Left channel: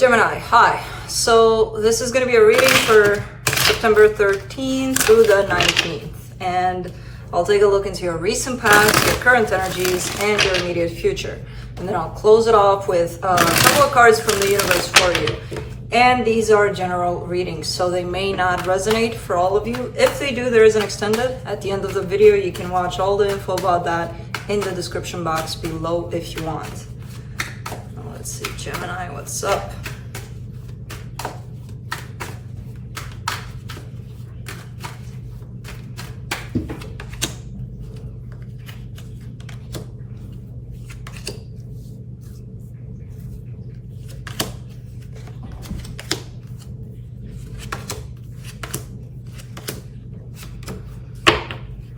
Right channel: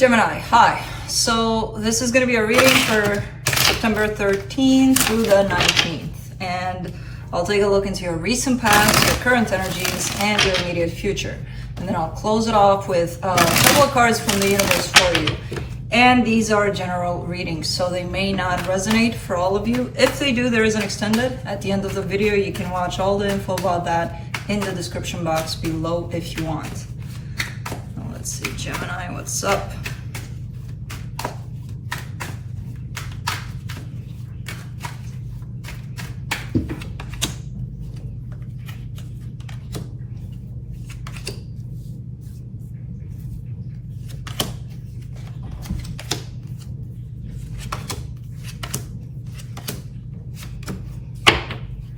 Gemini, hi. So this is going to be a reading for September 13th through the 19th. And I'll take a look into your recent past, your current energies, and your immediate future. And then I'll close it off with a couple of cards from the universe for you. And these are general readings, so they may not resonate for all of you. If they do, there is an extended at the end of the video. You can watch all the info about that in the description box below if you want. Let's see, Gemini, what's up?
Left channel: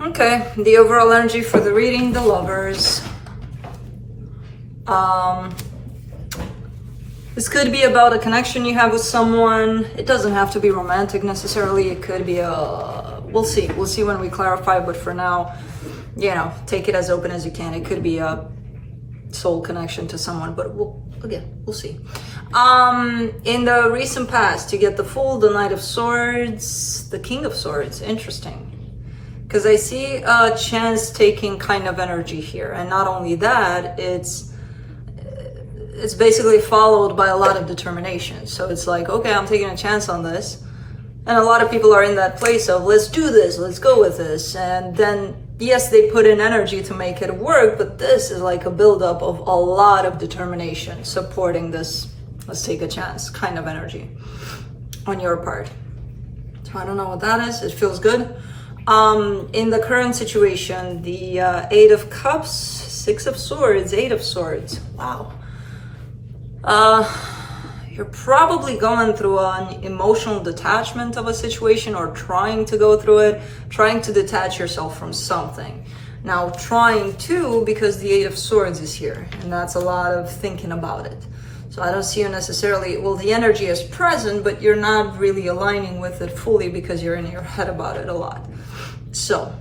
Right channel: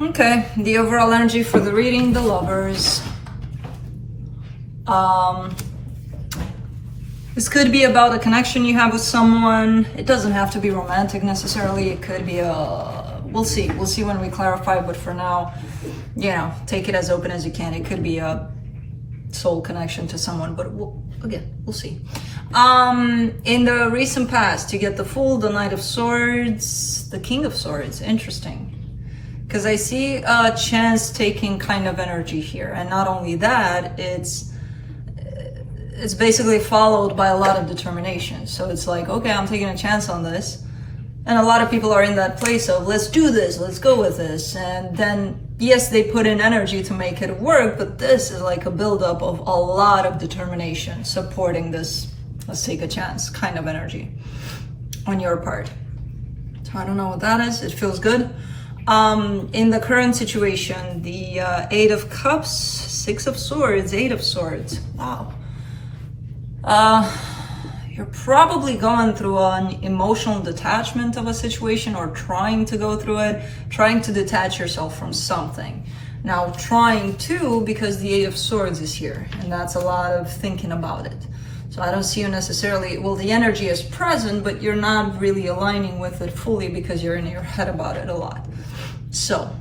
Okay, the overall energy for the reading, the Lovers. This could be about a connection you have with someone. It doesn't have to be romantic necessarily. It could be we'll see when we clarify, but for now, you know, take it as open as you can. It could be a soul connection to someone, but we'll see. In the recent past, you get the Fool, the Knight of Swords, the King of Swords. Interesting. Because I see a chance-taking kind of energy here. And not only that, it's basically followed by a lot of determination. So it's like, okay, I'm taking a chance on this. And a lot of people are in that place of, let's do this, let's go with this. And then, yes, they put in energy to make it work, but this is like a buildup of a lot of determination supporting this, let's take a chance kind of energy on your part. So I don't know what that is. It feels good. In the current situation, the Eight of Cups, Six of Swords, Eight of Swords. Wow. You're probably going through an emotional detachment of a situation, or trying to go through it, trying to detach yourself from something. Now, trying to, because the Eight of Swords is here, and that's a lot of thinking about it. So I don't see you necessarily, well, the energy is present, but you're not really aligning with it fully because you're in your head about it a lot. So,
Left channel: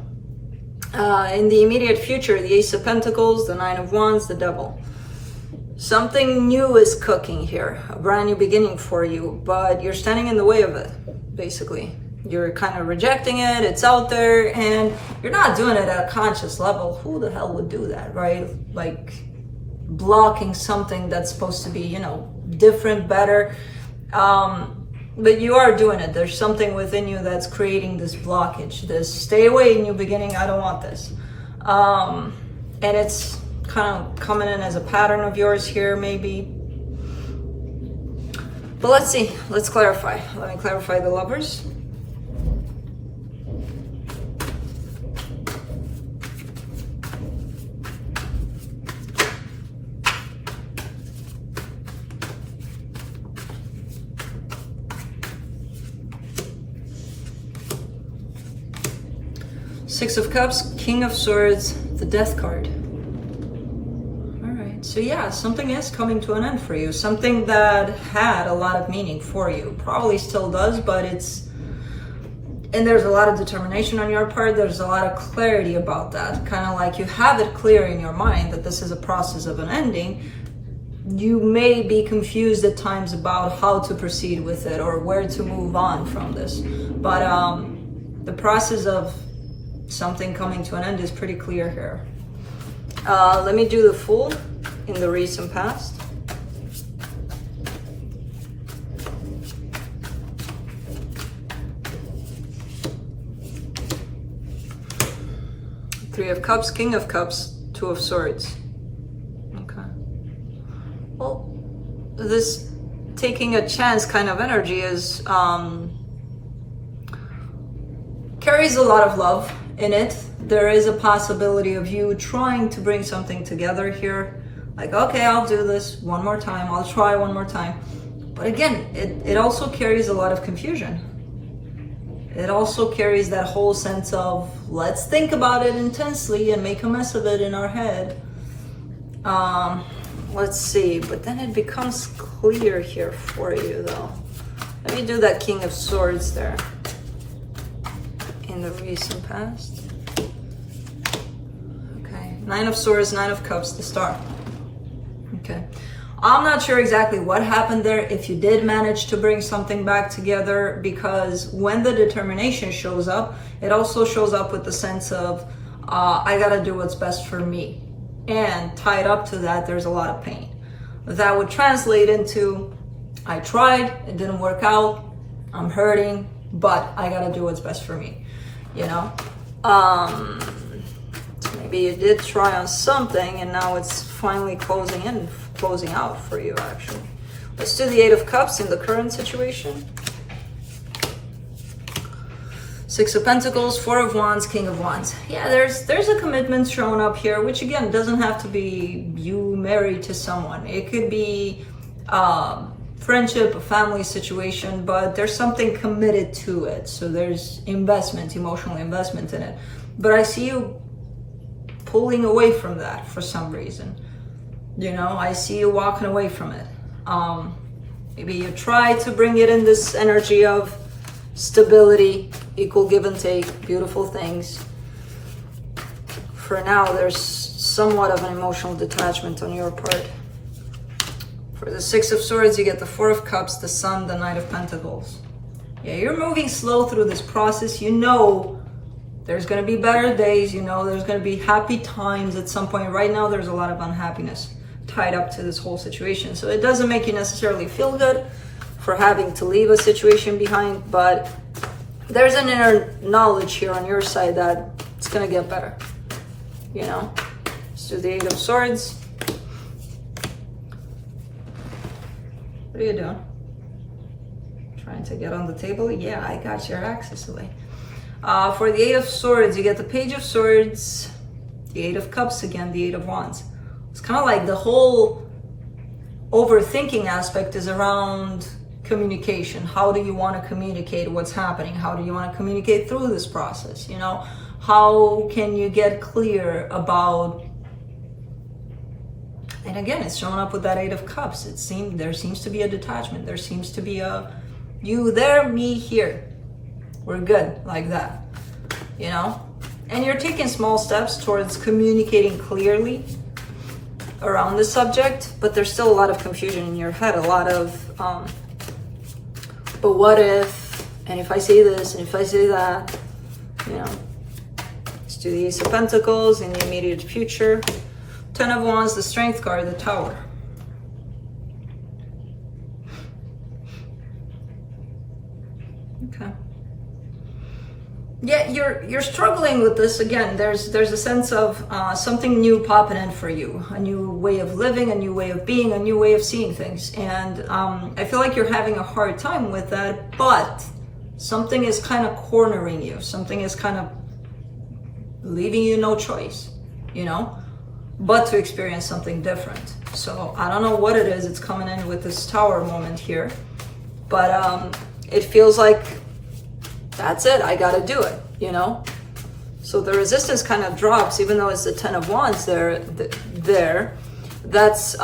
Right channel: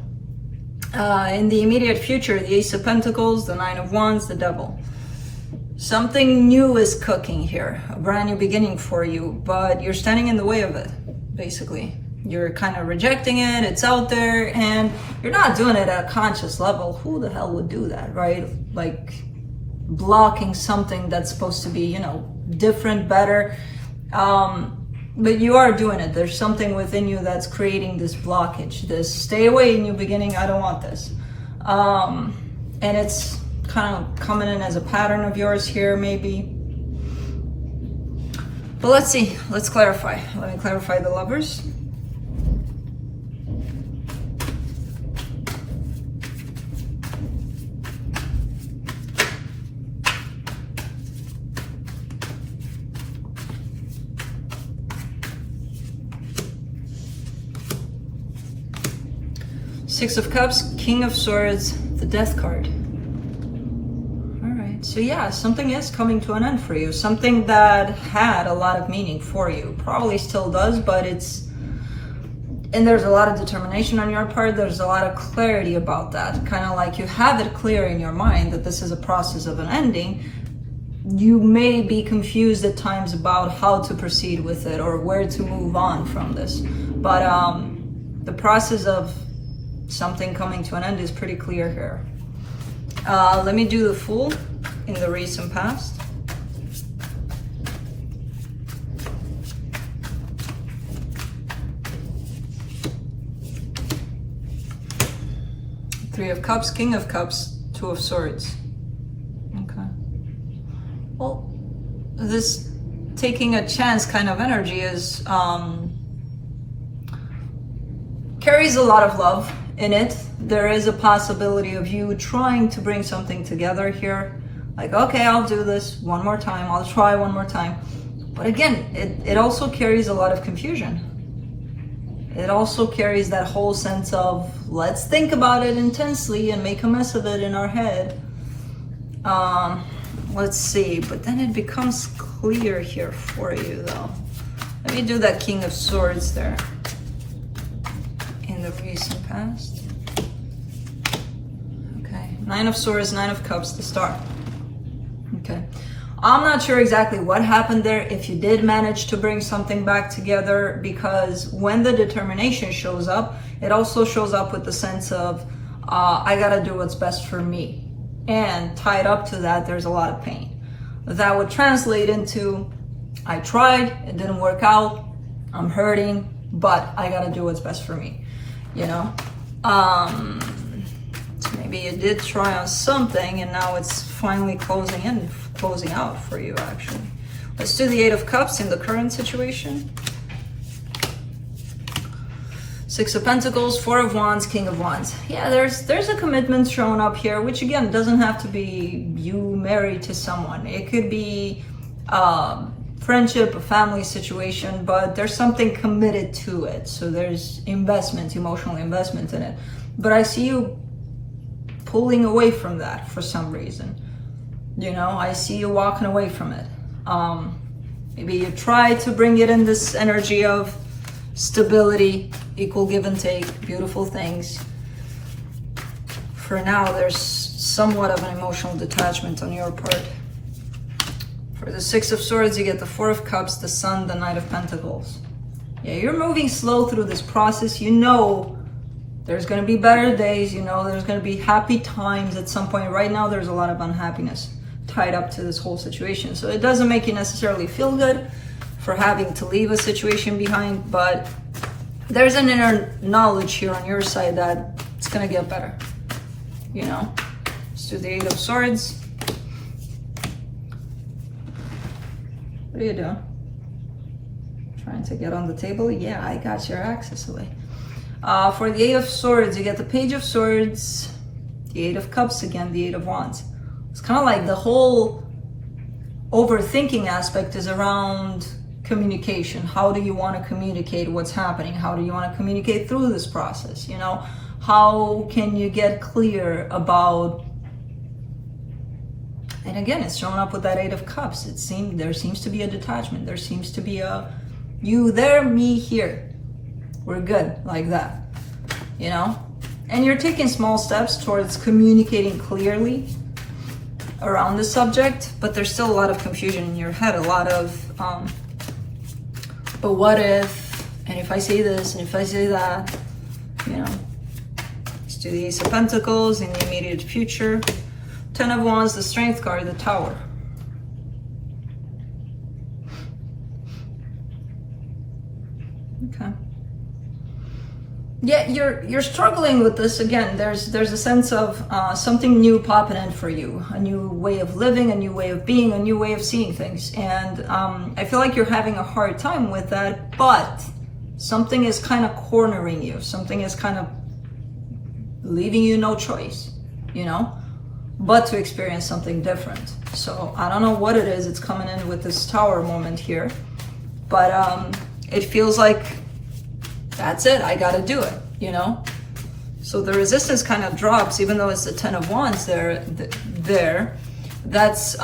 in the immediate future, the Ace of Pentacles, the Nine of Wands, the Devil. Something new is cooking here, a brand new beginning for you, but you're standing in the way of it, basically. You're kind of rejecting it, it's out there, and you're not doing it at a conscious level. Who the hell would do that, right? Like, blocking something that's supposed to be, you know, different, better. But you are doing it. There's something within you that's creating this blockage, this stay away, new beginning, I don't want this. And it's kind of coming in as a pattern of yours here, maybe. But let's see, let's clarify. Let me clarify the Lovers. Six of Cups, King of Swords, the Death card. All right, so yeah, something is coming to an end for you. Something that had a lot of meaning for you. Probably still does, but and there's a lot of determination on your part. There's a lot of clarity about that. Kind of like you have it clear in your mind that this is a process of an ending. You may be confused at times about how to proceed with it or where to move on from this. But the process of something coming to an end is pretty clear here. Let me do the Fool in the recent past. Three of Cups, King of Cups, Two of Swords. Okay. Well, this taking a chance kind of energy is carries a lot of love in it. There is a possibility of you trying to bring something together here. Like, okay, I'll do this one more time. I'll try one more time. But again, it also carries a lot of confusion. It also carries that whole sense of, let's think about it intensely and make a mess of it in our head. Let's see, but then it becomes clear here for you though. Let me do that King of Swords there. In the recent past. Okay, Nine of Swords, Nine of Cups, the Star. Okay. I'm not sure exactly what happened there, if you did manage to bring something back together, because when the determination shows up, it also shows up with the sense of, I gotta do what's best for me. And tied up to that, there's a lot of pain. That would translate into, I tried, it didn't work out, I'm hurting, but I gotta do what's best for me, you know? Maybe you did try on something and now it's finally closing out for you, actually. Let's do the Eight of Cups in the current situation. Six of Pentacles, Four of Wands, King of Wands. Yeah, there's a commitment showing up here, which again doesn't have to be you married to someone. It could be friendship, a family situation, but there's something committed to it. So there's investment, emotional investment in it. But I see you pulling away from that for some reason. You know, I see you walking away from it. Maybe you try to bring it in this energy of stability, equal give and take, beautiful things. For now, there's somewhat of an emotional detachment on your part. For the Six of Swords, you get the Four of Cups, the Sun, the Knight of Pentacles. Yeah, you're moving slow through this process. You know there's going to be better days. You know there's going to be happy times at some point. Right now, there's a lot of unhappiness tied up to this whole situation. So it doesn't make you necessarily feel good for having to leave a situation behind, but there's an inner knowledge here on your side that it's going to get better. You know? Let's do the Eight of Swords. What are you doing? Trying to get on the table? Yeah, I got your access away. For the Eight of Swords, you get the Page of Swords, the Eight of Cups again, the Eight of Wands. It's kind of like the whole overthinking aspect is around communication. How do you want to communicate what's happening? How do you want to communicate through this process? You know, how can you get clear about, and again, it's showing up with that Eight of Cups. There seems to be a detachment. There seems to be a, you there, me here. We're good, like that, you know? And you're taking small steps towards communicating clearly around the subject, but there's still a lot of confusion in your head, a lot of, but what if, and if I say this, and if I say that, you know? Let's do the Ace of Pentacles in the immediate future. Ten of Wands, the Strength card, the Tower. Okay. Yeah, you're struggling with this again. There's a sense of something new popping in for you, a new way of living, a new way of being, a new way of seeing things, and I feel like you're having a hard time with that. But something is kind of cornering you. Something is kind of leaving you no choice, you know, but to experience something different. So I don't know what it is. It's coming in with this Tower moment here, but it feels like, that's it, I gotta do it, you know? So the resistance kind of drops, even though it's the Ten of Wands there. That's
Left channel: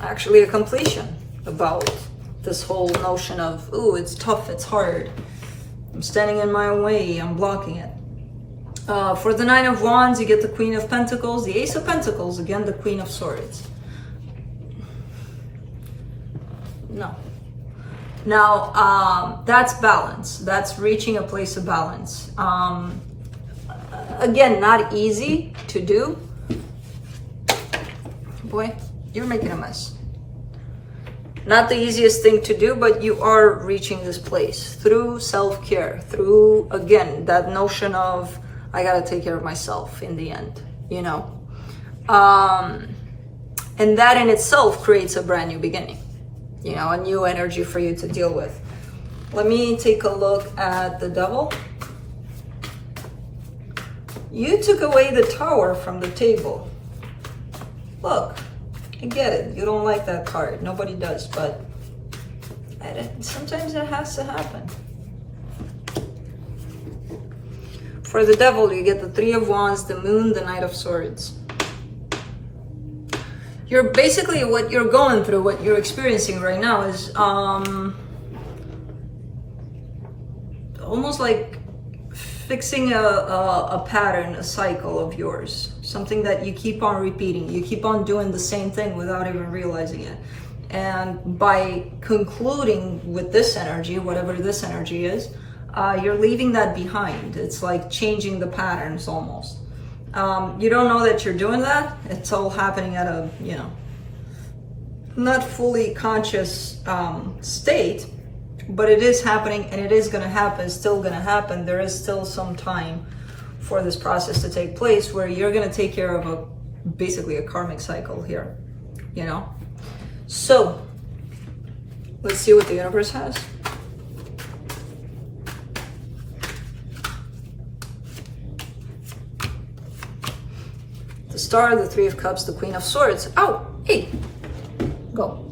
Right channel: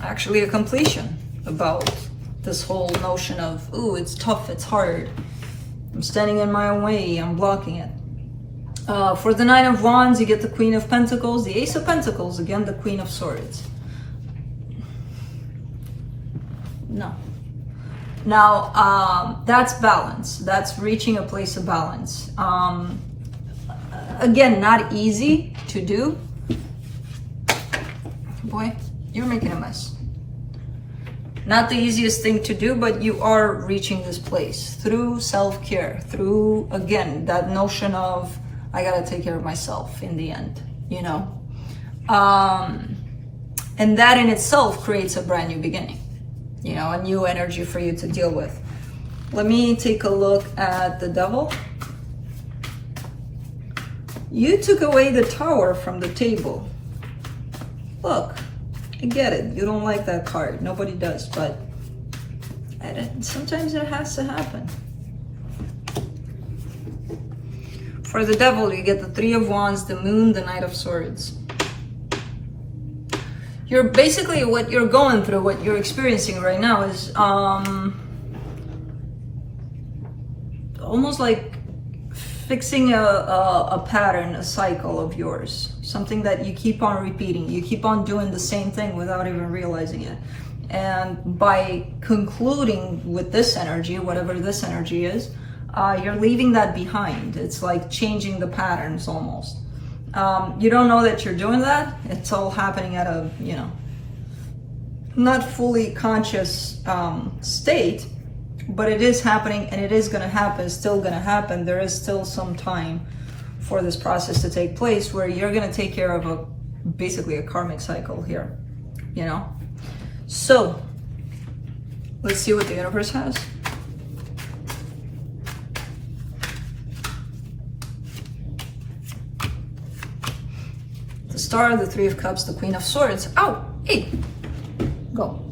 actually a completion about this whole notion of, ooh, it's tough, it's hard. I'm standing in my own way, I'm blocking it. For the Nine of Wands, you get the Queen of Pentacles, the Ace of Pentacles, again, the Queen of Swords. No. Now, that's balance. That's reaching a place of balance. Again, not easy to do. Boy, you're making a mess. Not the easiest thing to do, but you are reaching this place through self-care, through, again, that notion of, I gotta take care of myself in the end, you know? And that in itself creates a brand new beginning. You know, a new energy for you to deal with. Let me take a look at the Devil. You took away the Tower from the table. Look, I get it. You don't like that card. Nobody does, but sometimes it has to happen. For the Devil, you get the Three of Wands, the Moon, the Knight of Swords. You're basically, what you're going through, what you're experiencing right now is almost like fixing a pattern, a cycle of yours, something that you keep on repeating. You keep on doing the same thing without even realizing it. And by concluding with this energy, whatever this energy is, you're leaving that behind. It's like changing the patterns almost. You don't know that you're doing that. It's all happening at a, not fully conscious state, but it is happening, and it is going to happen, still going to happen. There is still some time for this process to take place where you're going to take care of basically a karmic cycle here, So let's see what the universe has. The Star, the Three of Cups, the Queen of Swords. Oh, hey, go,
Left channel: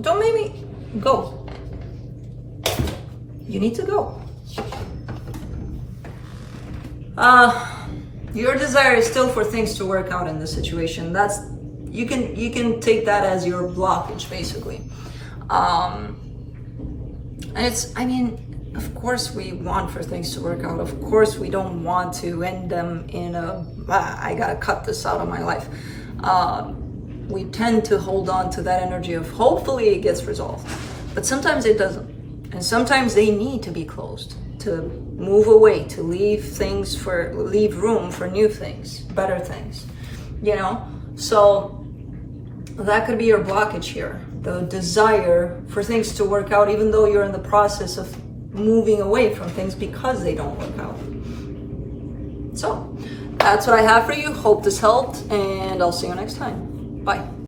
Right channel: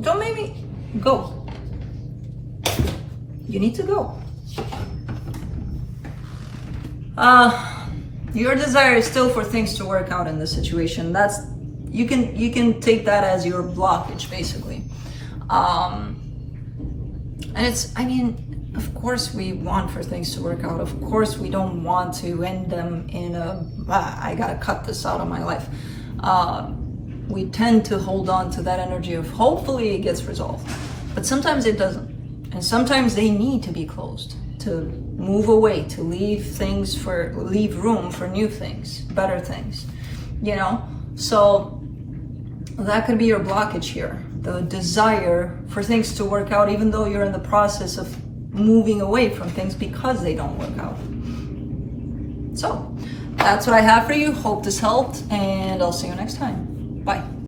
don't make me go. You need to go. Your desire is still for things to work out in this situation. That's, you can take that as your blockage, basically. And it's, of course we want for things to work out. Of course we don't want to end them in I gotta cut this out of my life. We tend to hold on to that energy of hopefully it gets resolved. But sometimes it doesn't. And sometimes they need to be closed, to move away, to leave room for new things, better things, So that could be your blockage here. The desire for things to work out, even though you're in the process of moving away from things because they don't work out. So that's what I have for you. Hope this helped, and I'll see you next time. Bye.